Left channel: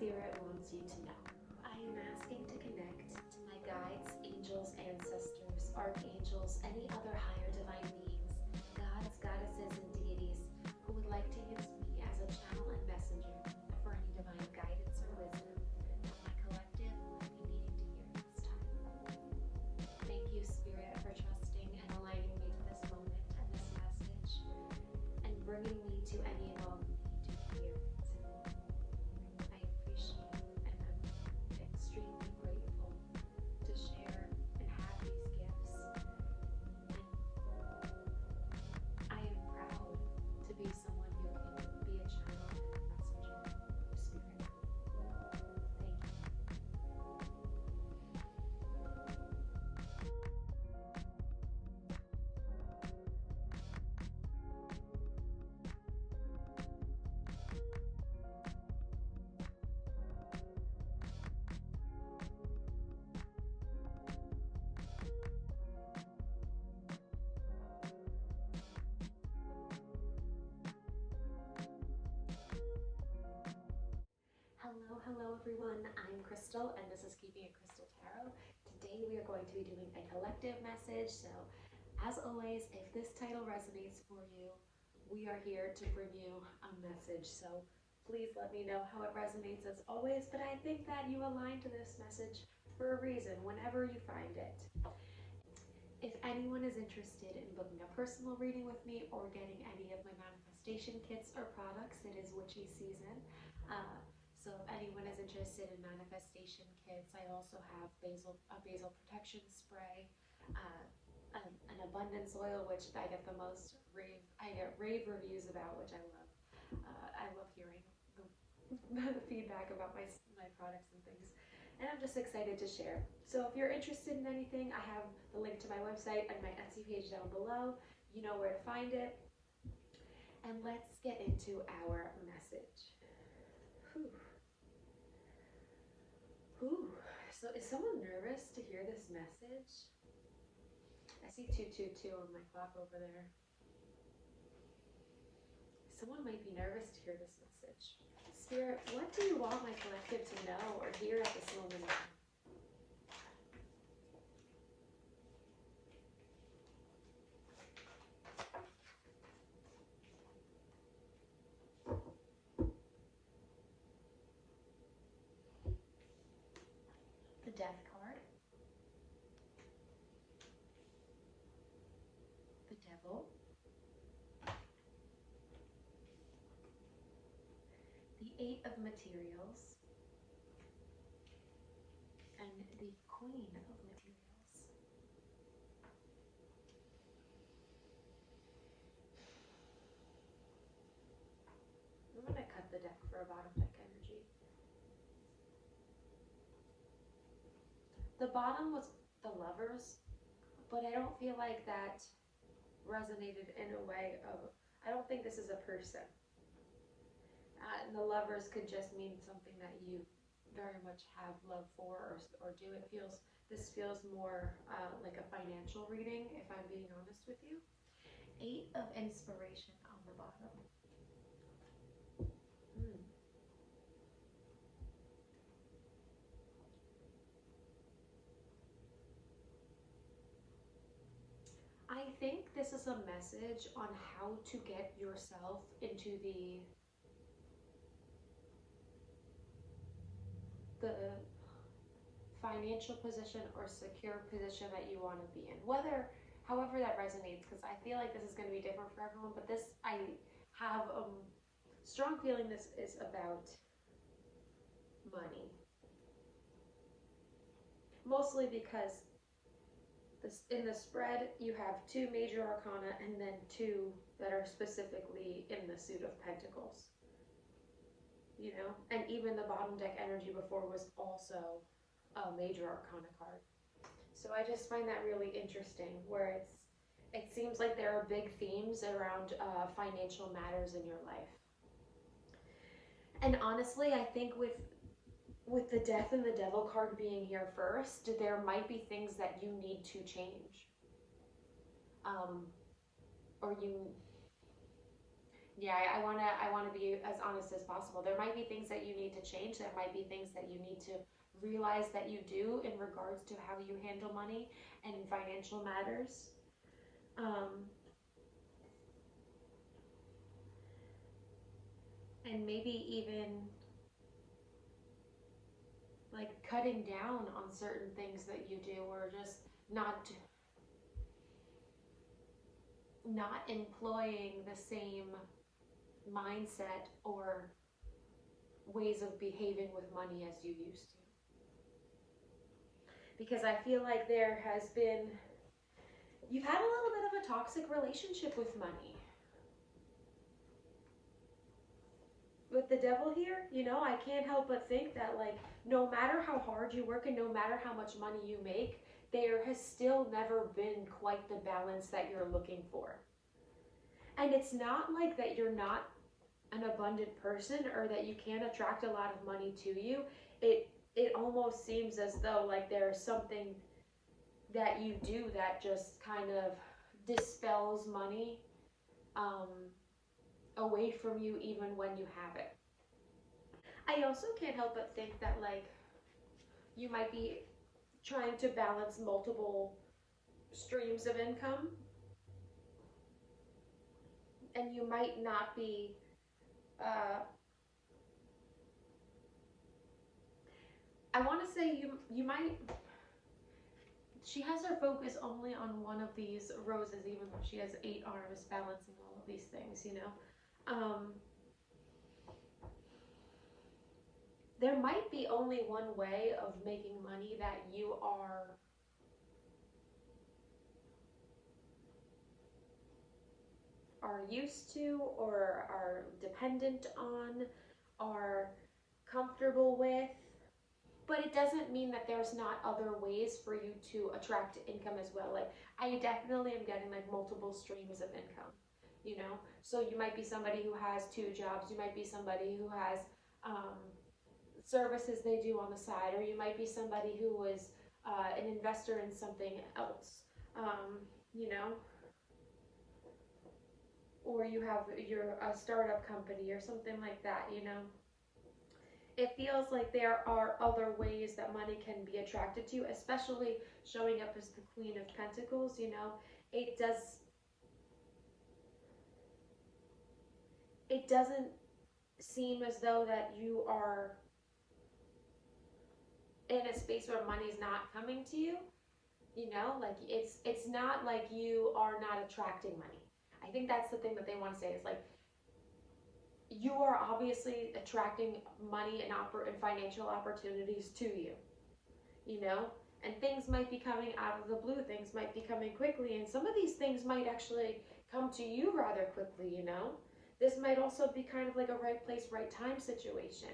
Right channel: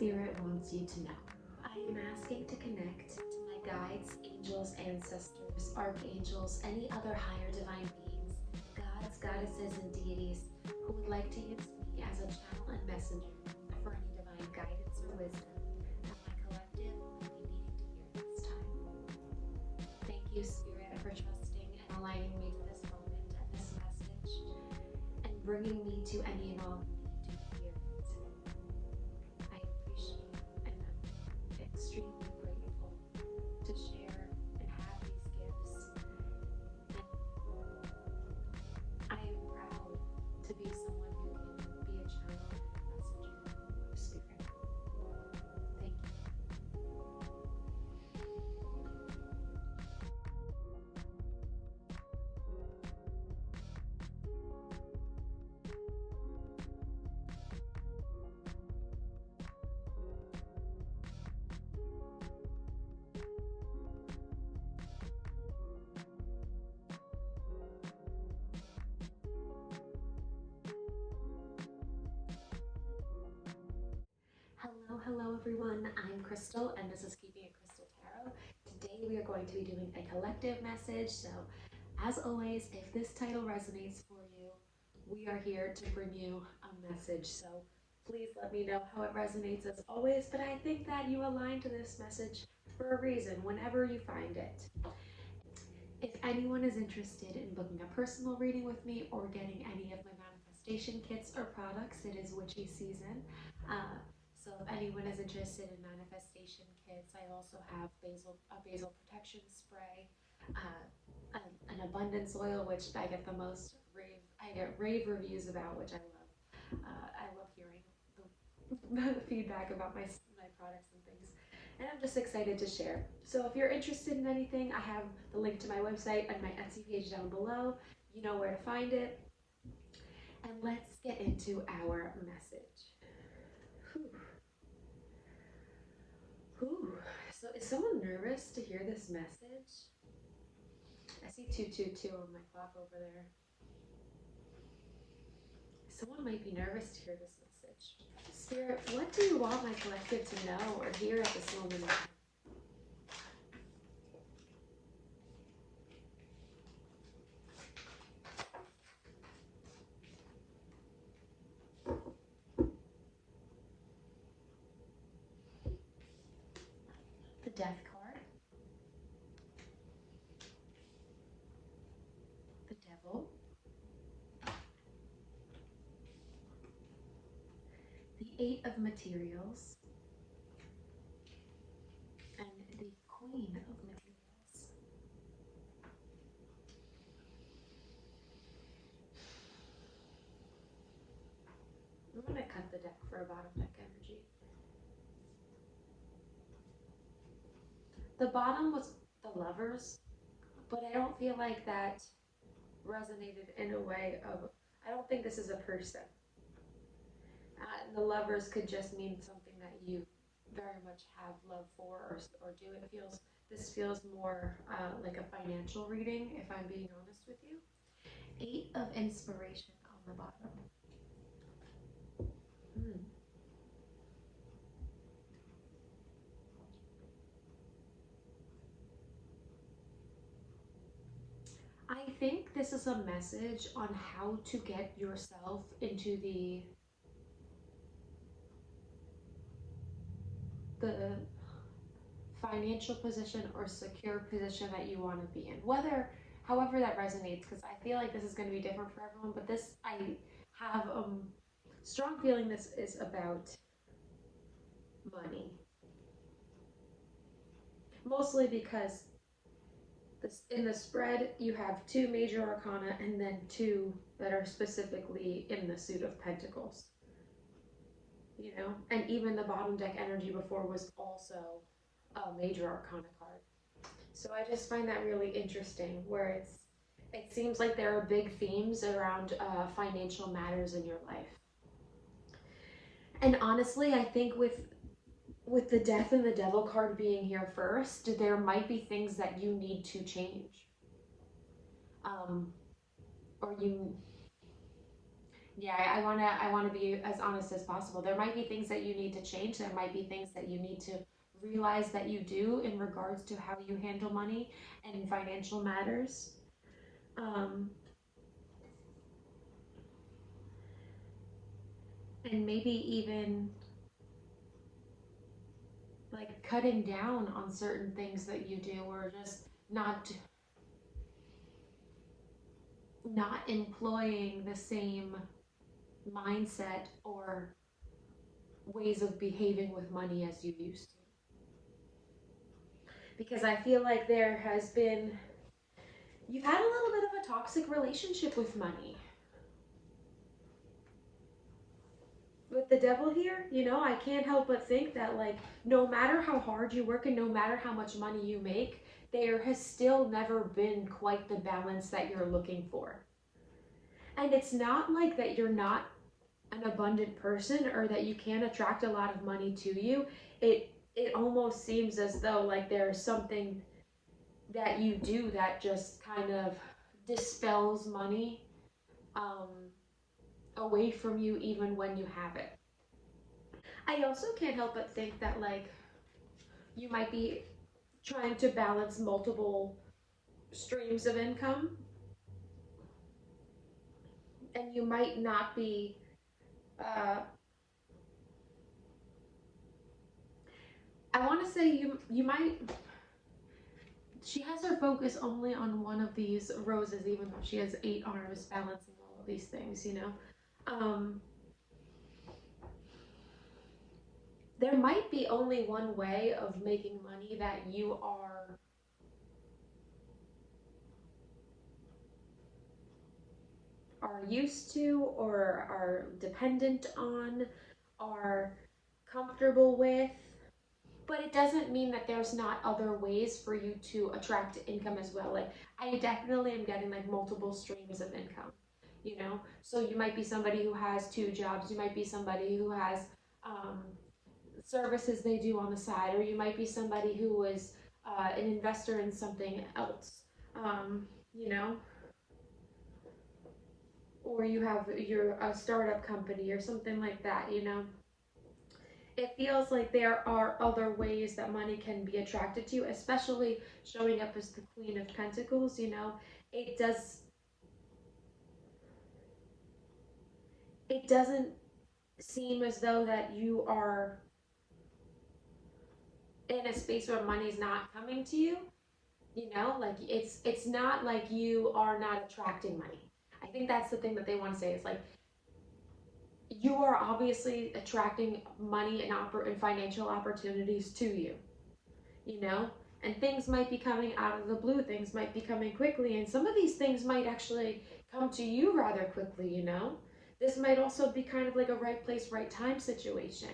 Spirit wants you to know. I am asking to connect to my guides, angels, ancestors, archangels, any other higher divine beings, gods, goddesses, and deities who would like to use me as a channel and messenger for any divine guidance or wisdom that my collective might be needing to hear this time. Thank you, Spirit, for trusting and aligning me to this moment and this message, and bringing me to any and all who need to hear it. I appreciate and I'm extremely grateful to share and have these gifts. And I am proud to be someone who can be a channel and a messenger of Spirit. Thank you. Hello everyone, I'm Krystal and this is Keeping It Krystal Tarot. Today we are going to be doing a collective message, so as always, if this title resonates for you, we are here to bring you a message, so please let me know how it resonates as always, but I think that you align to this message for a reason whenever you find it. If anyone is interested in booking a personal reading with me or getting any of my manifestation kits or products, it is witchy season. So if anyone is interested in manifestation kits, I also have a basil protection spray, an abundance oil, which I get rave reviews about, which I love. I love hearing the feedback about my products and things, and I'm just excited to share. So if you're interested in anything, I have the link to my website and my Etsy page down below. You know where to find it. And let's get into our message. Whew. So is someone nervous to hear this message? I see 222 on my clock over there. Someone might be nervous to hear this message. Spirit, what do you want my collective to know or hear at this moment? The Death card. The Devil. The Eight of Materials. And the Queen of Materials. I'm going to cut the deck for a bottom deck energy. The bottom was the Lovers, but I don't feel like that resonated in a way of, I don't think this is a person. And the Lovers could just mean something that you very much have love for or do. This feels more like a financial reading, if I'm being honest with you. Eight of Inspiration on the bottom. I think this is a message on how to get yourself into the financial position or secure position that you want to be in. However that resonates, because I feel like this is going to be different for everyone, but this, I have a strong feeling this is about money. Mostly because in the spread, you have two major arcana and then two that are specifically in the suit of pentacles. You know, and even the bottom deck energy before was also a major arcana card. So I just find that really interesting, where it seems like there are big themes around financial matters in your life. And honestly, I think with the Death and the Devil card being here first, there might be things that you need to change. Or you Yeah, I wanna be as honest as possible. There might be things that you need to change. There might be things that you need to realize that you do in regards to how you handle money and financial matters. Um, and maybe even like cutting down on certain things that you do, or just not employing the same mindset or ways of behaving with money as you used to. Because I feel like you've had a little bit of a toxic relationship with money. With the devil here, I can't help but think that, like, no matter how hard you work and no matter how much money you make, there has still never been quite the balance that you're looking for. And it's not like that you're not an abundant person or that you can attract a lot of money to you. It almost seems as though like there's something that you do that just kind of dispels money um, away from you even when you have it. I also can't help but think that like you might be trying to balance multiple streams of income, and you might not be uh, I want to say you might she has her focus only on one of these roses, even though she has 8 arms balancing all of these things. There might be only one way of making money that you are used to or are dependent on, are comfortable with. But it doesn't mean that there's not other ways for you to attract income as well. Like, I definitely am getting like multiple streams of income. So you might be somebody who has 2 jobs, you might be somebody who has um, services they do on the side, or you might be somebody who is an investor in something else, you know, or you're a startup company or something like that. It feels like there are other ways that money can be attracted to you, especially showing up as the Queen of Pentacles. It doesn't seem as though that you are in a space where money's not coming to you. Like it's not like you are not attracting money. I think that's the thing that they want to say is like you are obviously attracting money and financial opportunities to you know and things might be coming out of the blue, things might be coming quickly, and some of these things might actually come to you rather quickly. This might also be kind of like a right place, right time situation.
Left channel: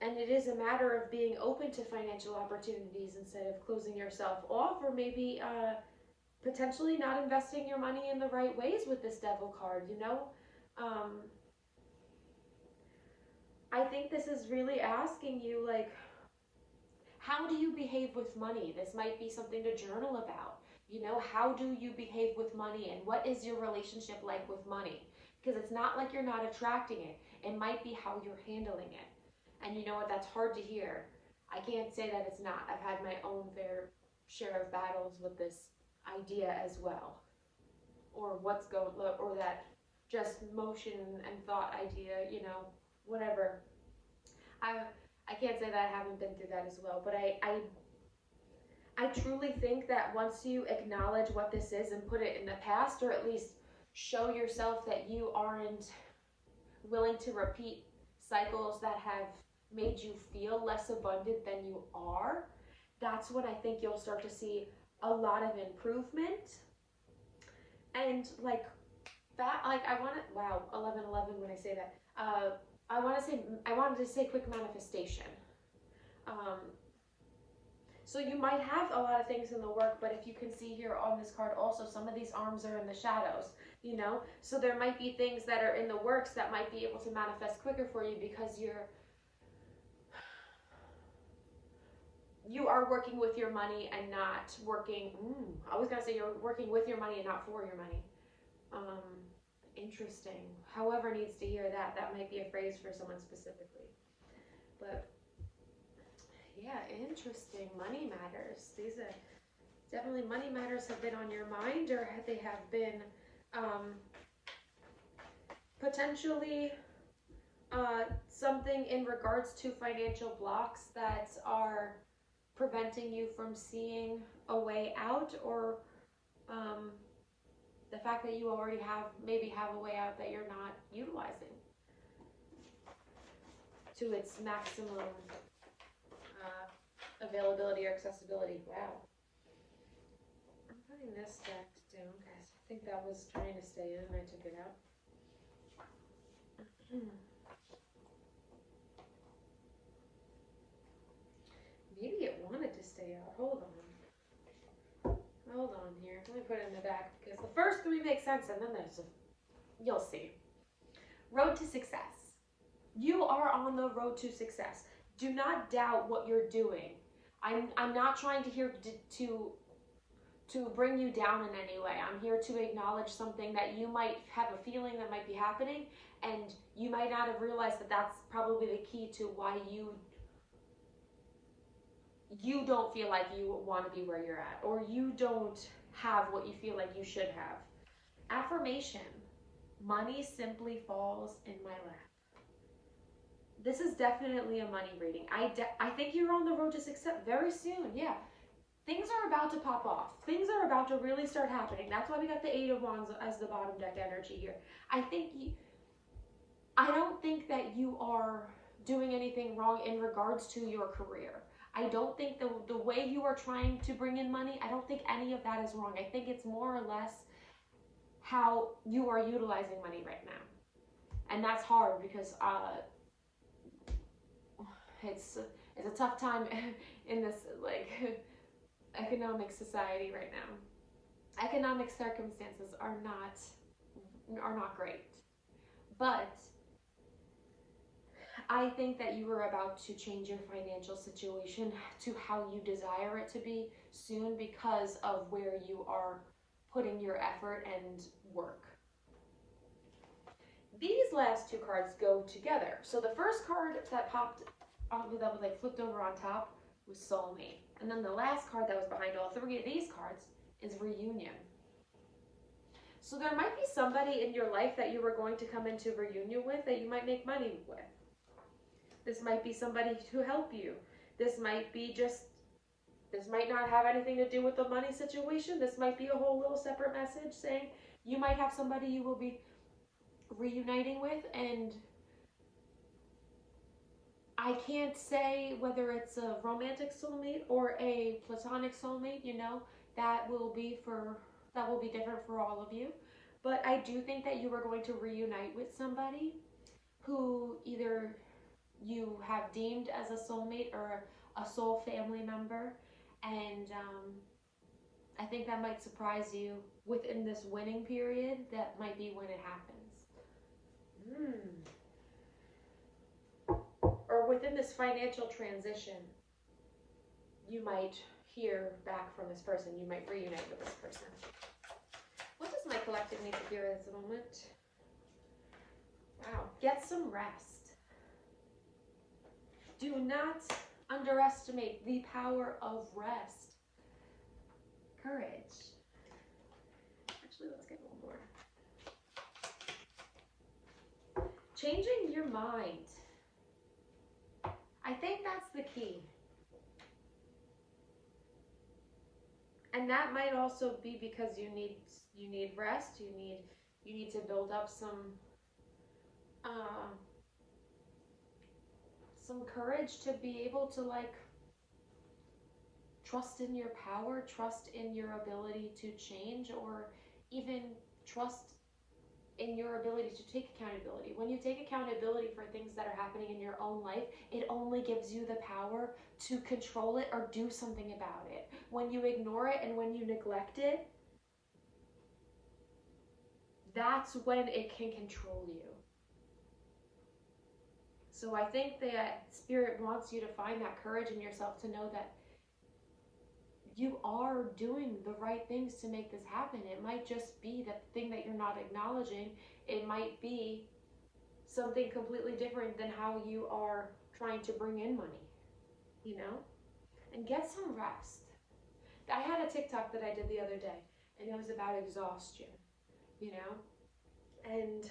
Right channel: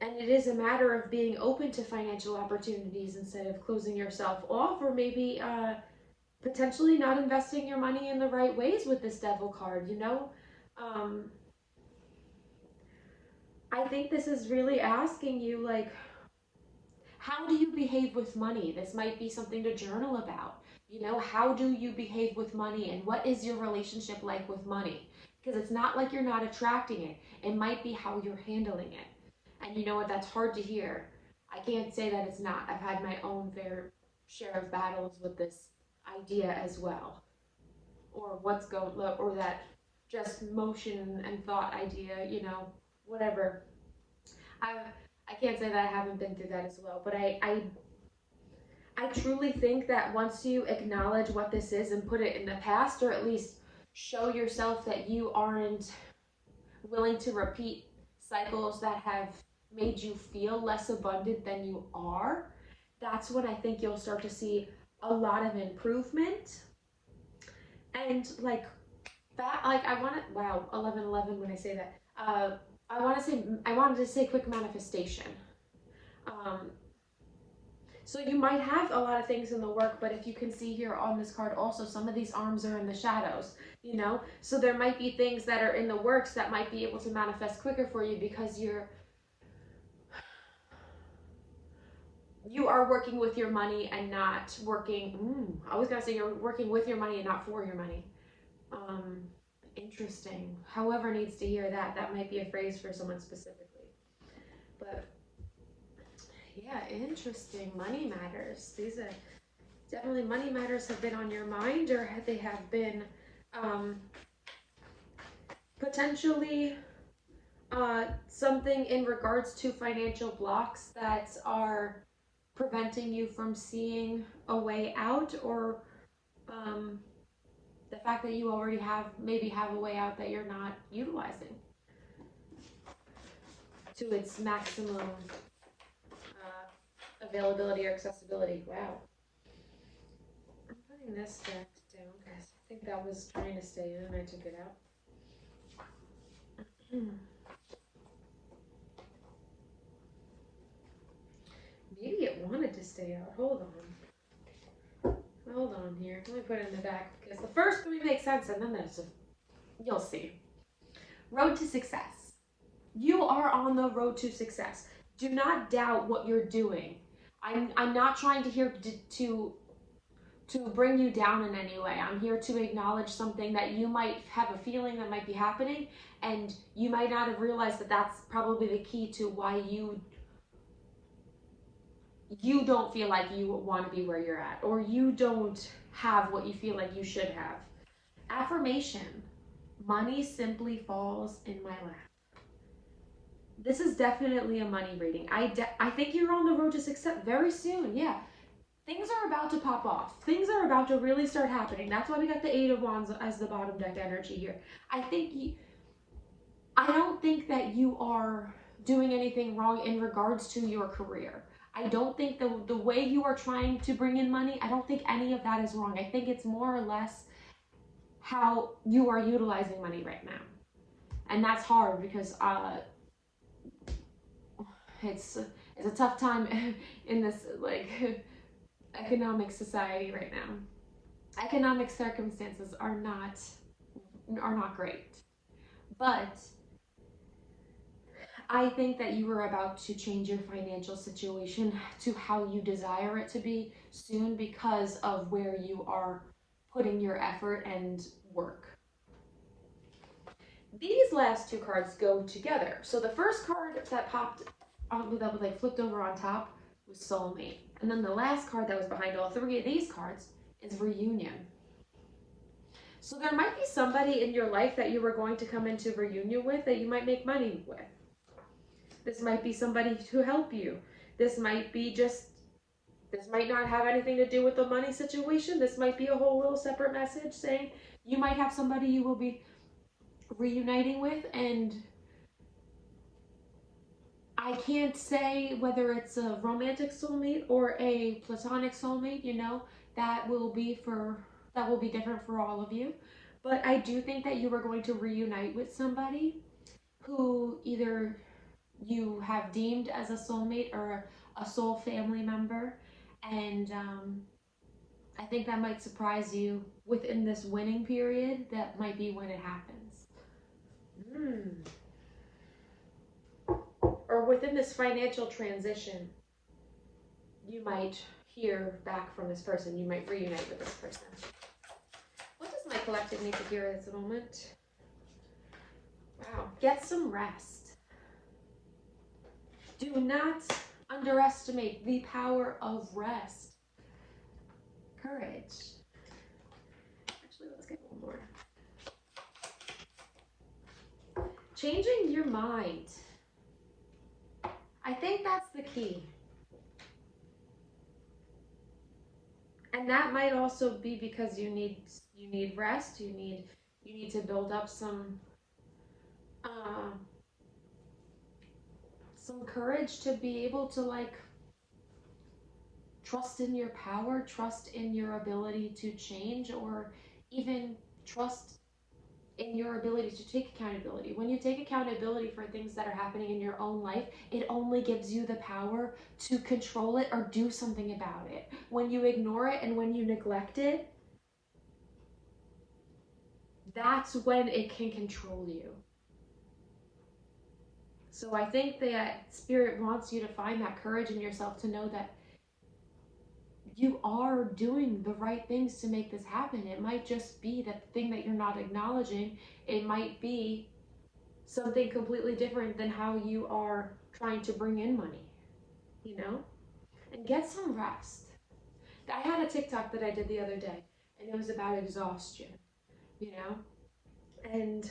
And it is a matter of being open to financial opportunities instead of closing yourself off, or maybe potentially not investing your money in the right ways with this devil card. um, I think this is really asking you, like, how do you behave with money? This might be something to journal about. How do you behave with money, and what is your relationship like with money? Because it's not like you're not attracting it. It might be how you're handling it. And you know what? That's hard to hear. I can't say that it's not. I've had my own fair share of battles with this idea as well. Or that just motion and thought idea, whatever. I I can't say that I haven't been through that as well, but I truly think that once you acknowledge what this is and put it in the past, or at least show yourself that you aren't willing to repeat cycles that have made you feel less abundant than you are, that's when I think you'll start to see a lot of improvement. And like that, like I want to, wow, 11:11 when I say that. I wanted to say quick manifestation. Um, So you might have a lot of things in the work, but if you can see here on this card also, some of these arms are in the shadows. So there might be things that are in the works that might be able to manifest quicker for you because you are working with your money and not working, I was going to say you're working with your money and not for your money. Interesting. Whoever needs to hear that, that might be a phrase for someone specifically. But yeah, interesting. Money matters. These are definitely money matters have been on your mind, or they have been potentially something in regards to financial blocks that are preventing you from seeing a way out, or the fact that you already maybe have a way out that you're not utilizing to its maximum availability or accessibility. Wow. I'm putting this deck down because I think that was trying to stay in and I took it out. Maybe it wanted to stay out. Hold on here. Let me put it in the back because the first three make sense and then you'll see. Road to success. You are on the road to success. Do not doubt what you're doing. I'm not trying to bring you down in any way. I'm here to acknowledge something that you might have a feeling that might be happening, and you might not have realized that that's probably the key to why you don't feel like you want to be where you're at, or you don't have what you feel like you should have. Affirmation. Money simply falls in my lap. This is definitely a money reading. I think you're on the road to success very soon. Yeah. Things are about to pop off. Things are about to really start happening. That's why we got the Eight of Wands as the bottom deck energy here. I don't think that you are doing anything wrong in regards to your career. I don't think the way you are trying to bring in money, I don't think any of that is wrong. I think it's more or less how you are utilizing money right now. And that's hard because it's a tough time in this economic society right now. Economic circumstances are not great. But I think that you are about to change your financial situation to how you desire it to be soon because of where you are putting your effort and work. These last two cards go together. So the first card that popped, that was flipped over on top, was Soulmate. And then the last card that was behind all three of these cards is Reunion. So there might be somebody in your life that you were going to come into reunion with that you might make money with. This might be somebody to help you. This might not have anything to do with the money situation. This might be a whole little separate message saying you might have somebody you will be reuniting with, and I can't say whether it's a romantic soulmate or a platonic soulmate, that will be different for all of you. But I do think that you are going to reunite with somebody who either you have deemed as a soulmate or a soul family member. And I think that might surprise you within this winning period. That might be when it happens. Or within this financial transition, you might hear back from this person. You might reunite with this person. What does my collective need to hear at this moment? Wow. Get some rest. Do not underestimate the power of rest. Courage. Actually, let's get one more. Changing your mind. I think that's the key. And that might also be because you need rest. You need to build up some courage to be able to trust in your power, trust in your ability to change, or even trust in your ability to take accountability. When you take accountability for things that are happening in your own life, it only gives you the power to control it or do something about it. When you ignore it and when you neglect it, that's when it can control you. So I think that Spirit wants you to find that courage in yourself to know that you are doing the right things to make this happen. It might just be that the thing that you're not acknowledging, it might be something completely different than how you are trying to bring in money, you know? And get some rest. I had a TikTok that I did the other day, and it was about exhaustion, you know? And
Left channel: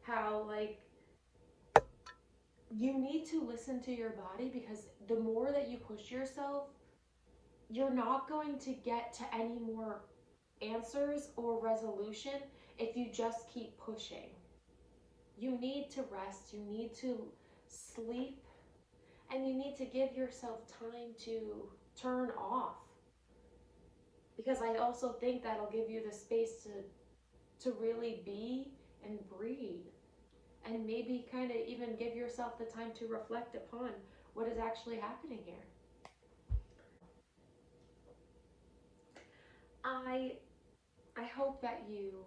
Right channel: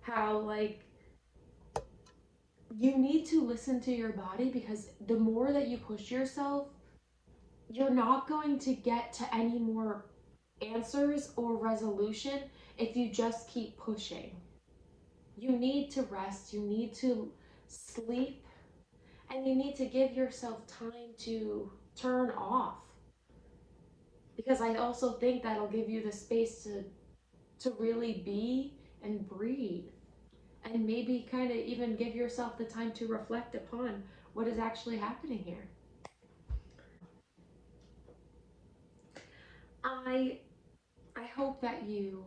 how, like, you need to listen to your body, because the more that you push yourself, you're not going to get to any more answers or resolution if you just keep pushing. You need to rest, you need to sleep, and you need to give yourself time to turn off. Because I also think that'll give you the space to really be and breathe, and maybe kind of even give yourself the time to reflect upon what is actually happening here. I hope that you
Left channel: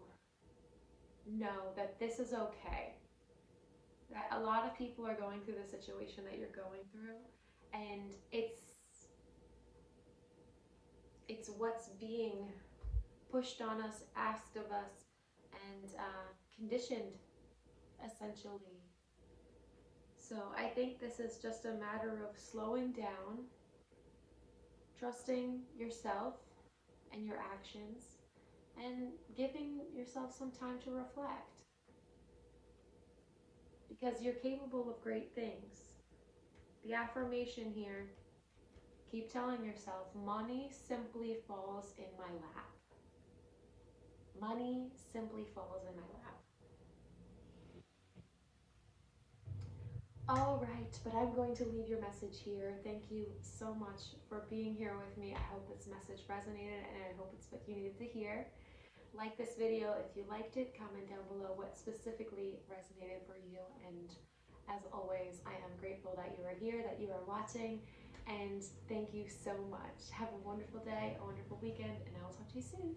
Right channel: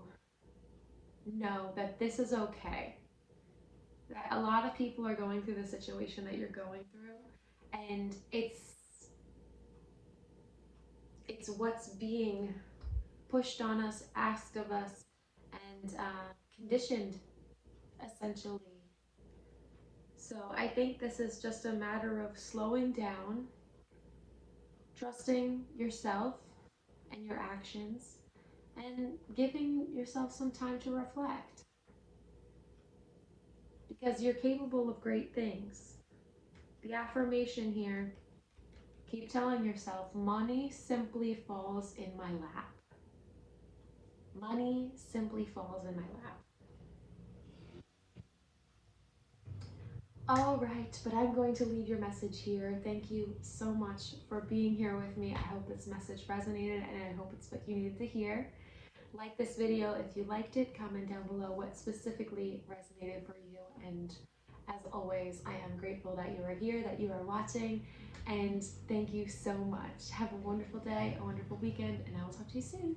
know that this is okay. That a lot of people are going through the situation that you're going through, and it's what's being pushed on us, asked of us, and conditioned, essentially. So I think this is just a matter of slowing down, trusting yourself and your actions, and giving yourself some time to reflect. Because you're capable of great things. The affirmation here, keep telling yourself, money simply falls in my lap. Money simply falls in my lap. All right, but I'm going to leave your message here. Thank you so much for being here with me. I hope this message resonated, and I hope it's what you needed to hear. Like this video if you liked it. Comment down below what specifically resonated for you. And as always, I am grateful that you are here, that you are watching, and thank you so much. Have a wonderful day, a wonderful weekend, and I will talk to you soon.